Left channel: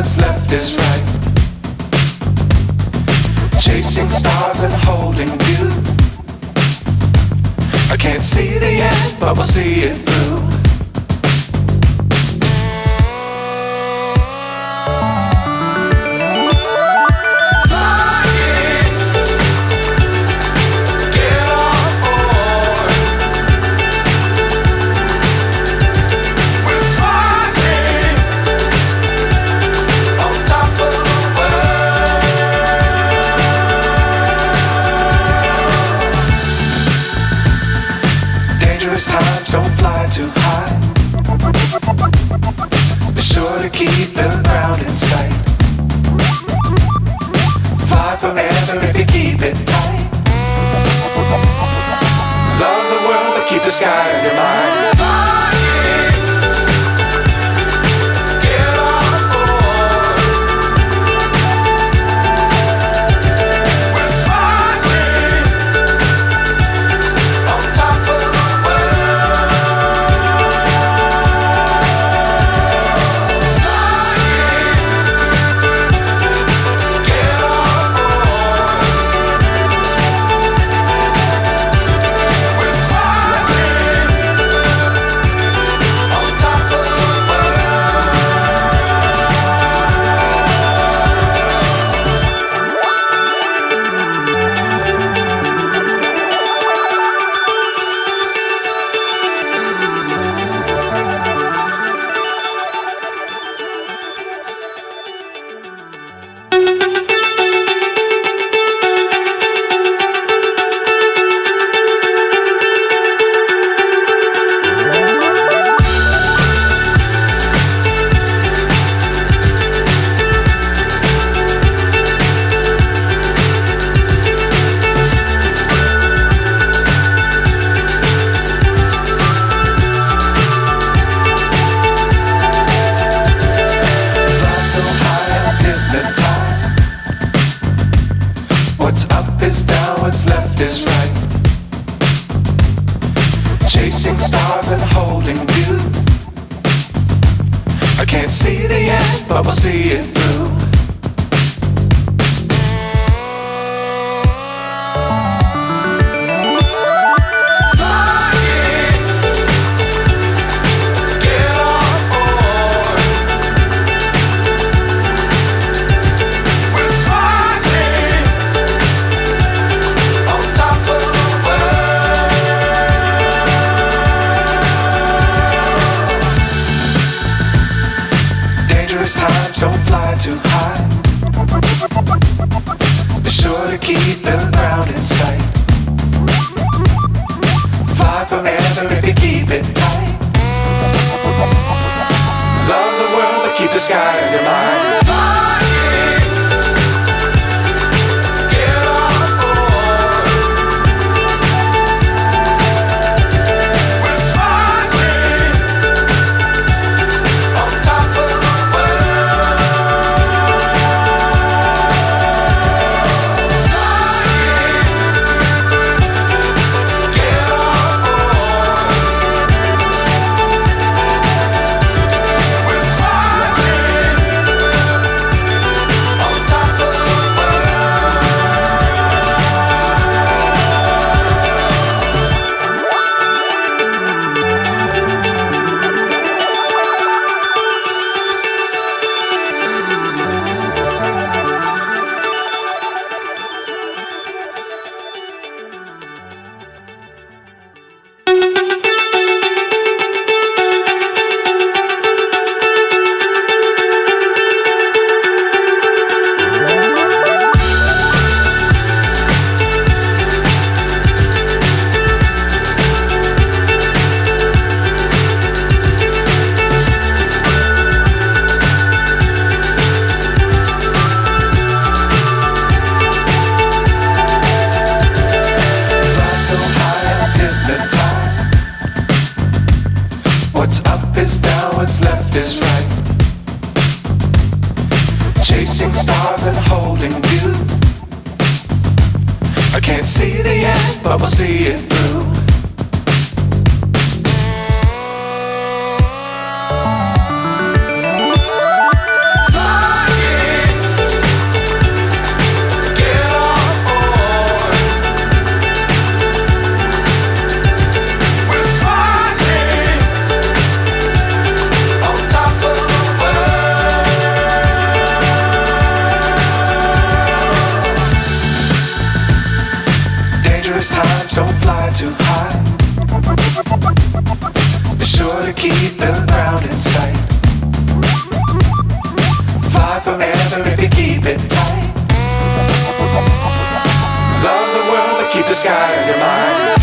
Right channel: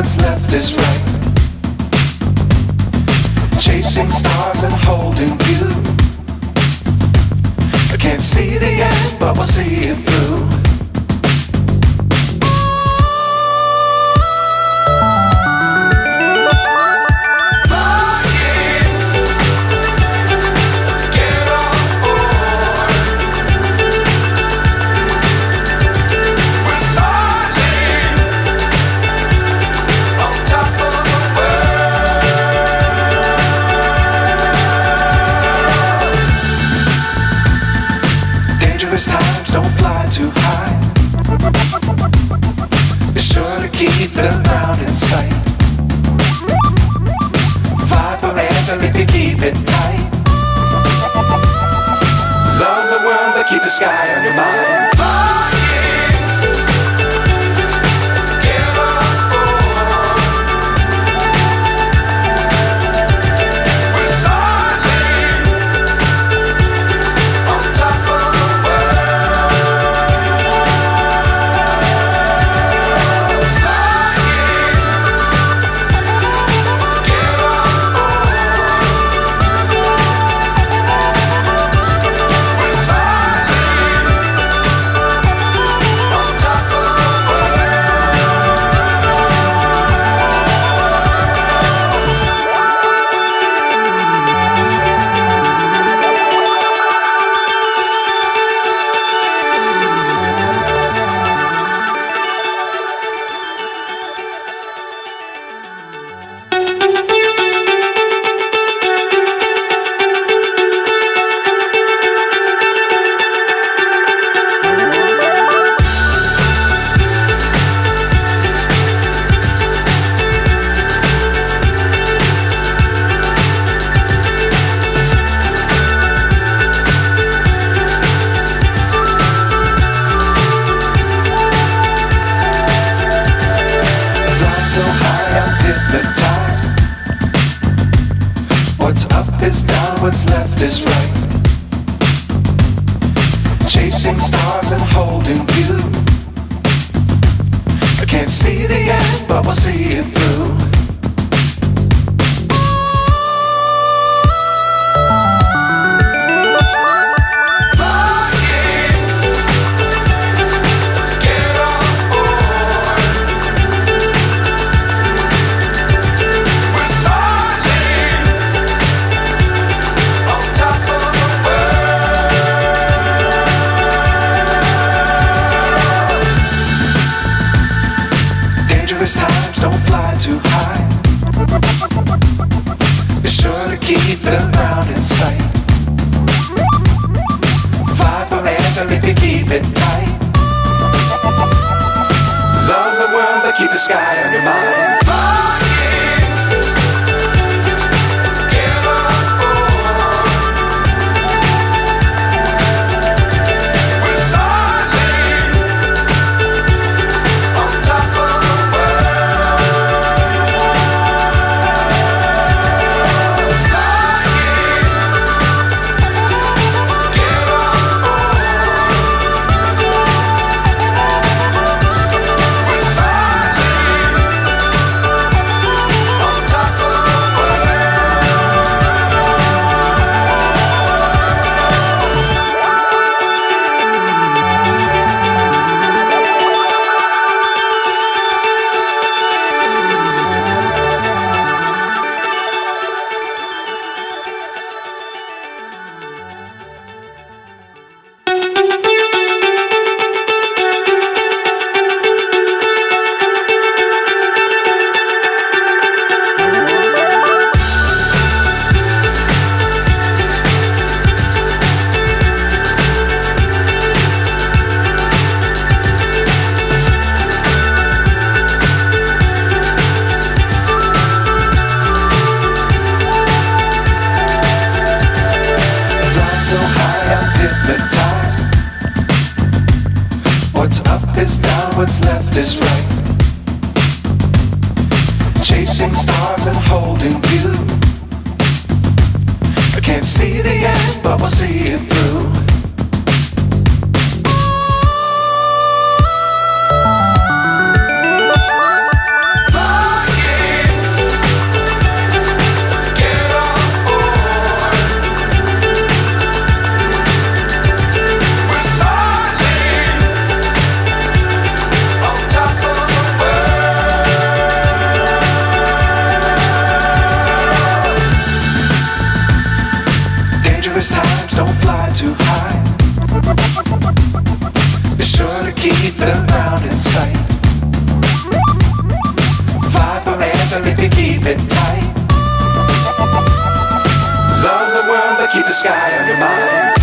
what's left is right. Chasing stars and holding you. I can't see the end, but we'll see it through. Times don't fly too high. Be sure to keep the ground in sight. Fly forever if you keep it tight. Love the world but keep the sky on your mind. So high I'm hypnotized. What's up is down, what's left is right. Chasing stars and holding you. I can't see the end, but we'll see it through. Times don't fly too high. Be sure to keep the ground in sight. Fly forever if you keep it tight. Love the world but keep the sky on your mind. So high I'm hypnotized. What's up is down, what's left is right. Chasing stars and holding you. I can't see the end, but we'll see it through. Fly to keep the ground in sight. Fly forever if you keep it tight. Love the world but keep the sky on your mind.